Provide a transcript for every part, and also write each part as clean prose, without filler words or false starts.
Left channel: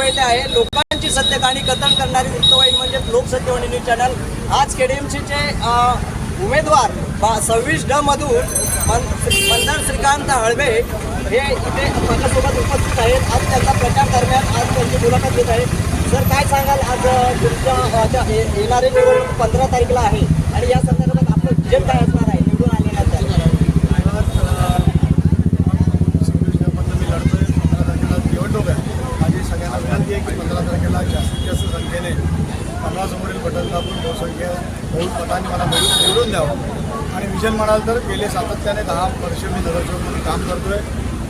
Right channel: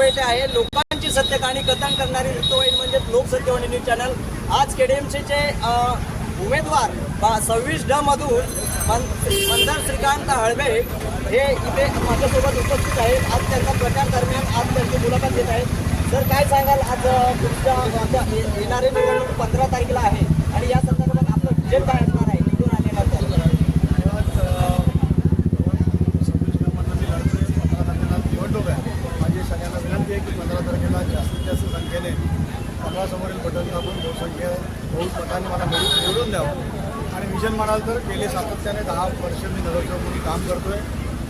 वैले आहे. लोकांची सत्य कहाणी कथन करणारी रिक्त वैल म्हणजे लोकसत्य न्यूज चॅनल. आज केडीएमसीचे उमेदवार 26 मधून मंदार श्रीकांत हळबे हे इथे माझ्यासोबत उपस्थित आहेत. आज त्याचा प्रचार दरम्यान आज त्याची मुलाखत घेत आहे. सर, काय सांगाल, आज येणारी निवडणूक 15 तारखेला आहे आणि या संदर्भात आपलं विजन काय असणार आहे निवडून आलेल्यानंतर? निवडणूक आहे. माझी सगळ्यांना विनंती आहे की 15 तारखेला जास्तीत जास्त संख्येने कमळासमोरील बटन दाबून बहुसंख्य बहुत मतांनी मला निवडून द्यावं. आणि विजन म्हणाल तर गेले सातत्याने 10 वर्ष मी नगरसेवक म्हणून काम करतोय.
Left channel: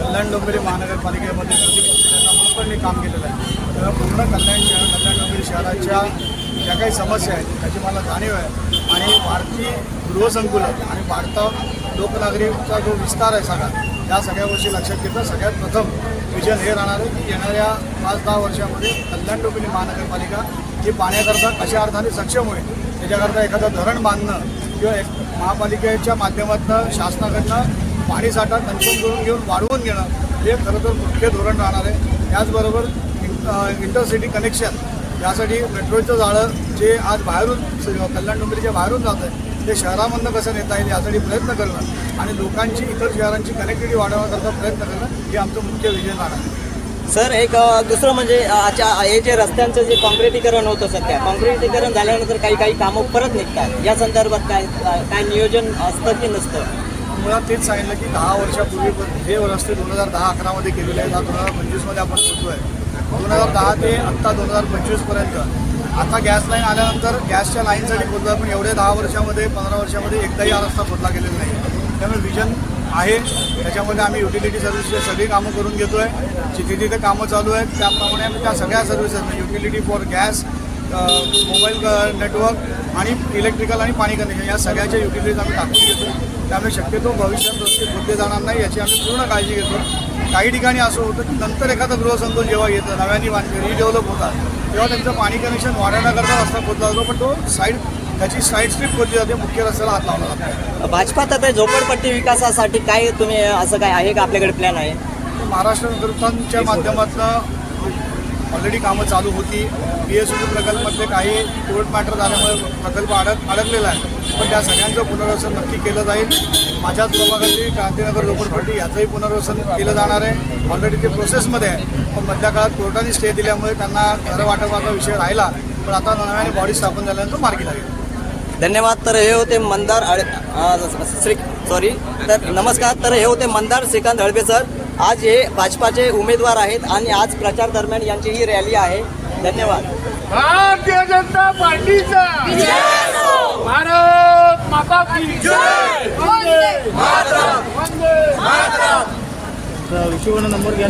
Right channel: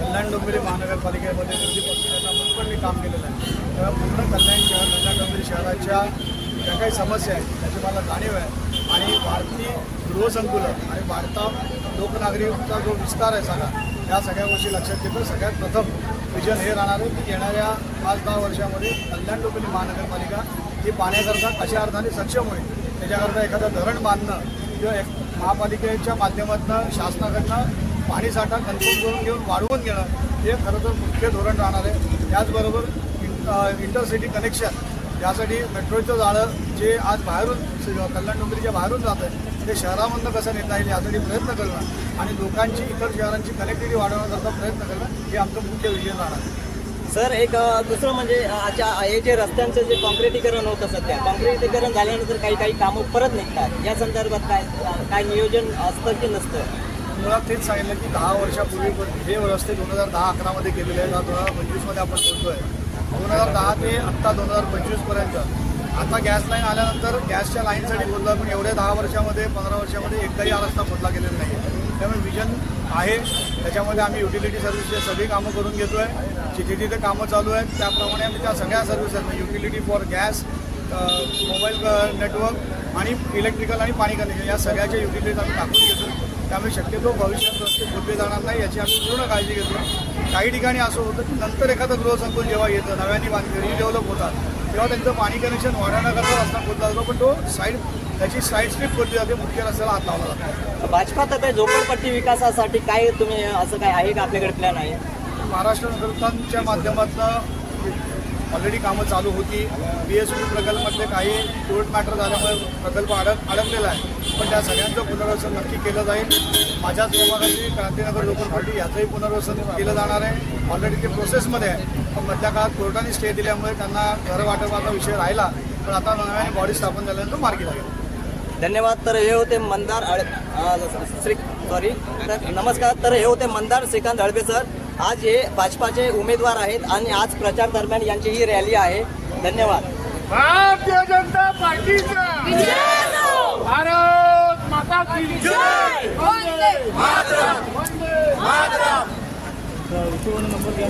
कल्याण डोंबिवली महानगरपालिकेमध्ये म्हणून पण मी काम केलेलं आहे. त्याला पूर्ण कल्याण डोंबिवली शहराच्या ज्या काही समस्या आहेत त्याची मला जाणीव आहे. आणि भारतीय गृहसंकुलन आणि भारतात लोकनागरिकचा जो विस्तार आहे सगळा, त्या सगळ्या गोष्टी लक्षात घेता सगळ्यात प्रथम विजन हे राहणार आहे की येणाऱ्या 5-10 वर्षामध्ये कल्याण डोंबिवली महानगरपालिका ही पाण्याकरता कशा अर्थाने सक्षम होईल, त्याच्याकरता एखादं धरण बांधणं किंवा महापालिकेच्या माध्यमातून शासनाकडनं पाणीसाठा कन्फर्म करून घेऊन वाढवून घेणं हे खरं तर मुख्य धोरण राहणार आहे. त्याचबरोबर इंटरसिटी कनेक्शन यासाठी मेट्रोचं जाळं जे आज बाहेरून कल्याण डोंबिवलीच्या बाहेरून जात आहे ते शहरामधनं कसं नेता येईल यासाठी प्रयत्न करणं आणि लोकांची इतर शहरांची कनेक्टिव्हिटी वाढवण्याकरता प्रयत्न करणं हे आमचं मुख्य विजन राहणार आहे. सर, एक दुसरं म्हणजे हे जे रस्त्यांचं जे कॉन्क्रिटीकरण होतं सध्या, कॉन्क्रिटीकरण झाल्यानंतर काही कामं परत निघतात. या संदर्भात काय नियोजन असतं की नसतं? मुळात तेच सांगितलं की 10 वर्षापूर्वी जे रस्ते 2010-11 मध्ये केलेले आहेत 2025 मध्ये आपण करतोय. 2010 ते आत्ता 2025 पर्यंत आता गॅस लाईन आल्यानंतर गॅसच्या लाईनसाठी बोलतो पण एवढ्या 10 वर्षामध्ये 15 वर्षामध्ये एकदाही हा रस्ता खोदला गेलेला नाही. त्यामुळे विजन आहे. त्याच्यामध्ये आम्ही युटिलिटी सर्व्हिसची सगळी कामं करून घेतोय. जिथे तिथे कामं चालू आहेत त्याप्रमाणे आम्ही त्या सगळ्या services utility for gas, mobile network आणि इलेक्ट्रिकल आणि पाणी कनेक्शन या सगळ्याच्या युटिलिटीज आम्ही टाकून घेतो. त्यामुळे शक्यतो भविष्यात रस्ते खोदले जाणार नाही याची आम्ही पूर्ण काळजी घेतो. काही ठिकाणी असं होतं की नंतर एखादं गृहसंकुल जेव्हा येतं नव्याने रिडेव्हलप होतात तेव्हा त्यांचं पाणी कनेक्शन वाढवण्याकरता रस्ता खोदला जातो, पण तो त्याची साईड स्ट्रीप खोदली जाते, मुख्य रस्त्याला हात लावला जातो. भाजपात आता झोपडपट्टी विकासासाठी काय तुम्ही असं काय आहे का आपल्याकडे प्लॅन आहे? महाराष्ट्र नगरपालिकेच्या माध्यमातून ऑलरेडी कामं चालू होती. BSU प्रकल्पातले काही कोर्ट मॅटर झाल्यामुळे प्रकल्प अडकलेला आहे, पण त्या सगळ्यांचं पुनर्वसन नक्की केलं जाईल. माझ्याच प्रभागातली क्रांतीनगर झोपडपट्टी याचंही पुनर्वसन केलं जाणार आहे. ऑलरेडी ते प्रोसेसमध्ये आहे, पण मधल्या काळात कोर्टाने स्टे दिल्यामुळे त्यांना घर वाटपाचा विषय राहिला, पण आता नव्याने बॉडी स्थापन झाल्यानंतर मार्गी लागेल. धन्यवाद. तर हे होते मंदार नमस्कार. तर हे होते मंदार श्रीकांत हळबे सर. आज हे भाजपाचे उमेदवार आहेत आणि आज प्रचार दरम्यान यांची ही रॅली आहे. धन्यवाद. भारतीय जनता पार्टीचा भारत माता की जय. वंदे मातरम. वंदे मातरम. नंबर घ्या.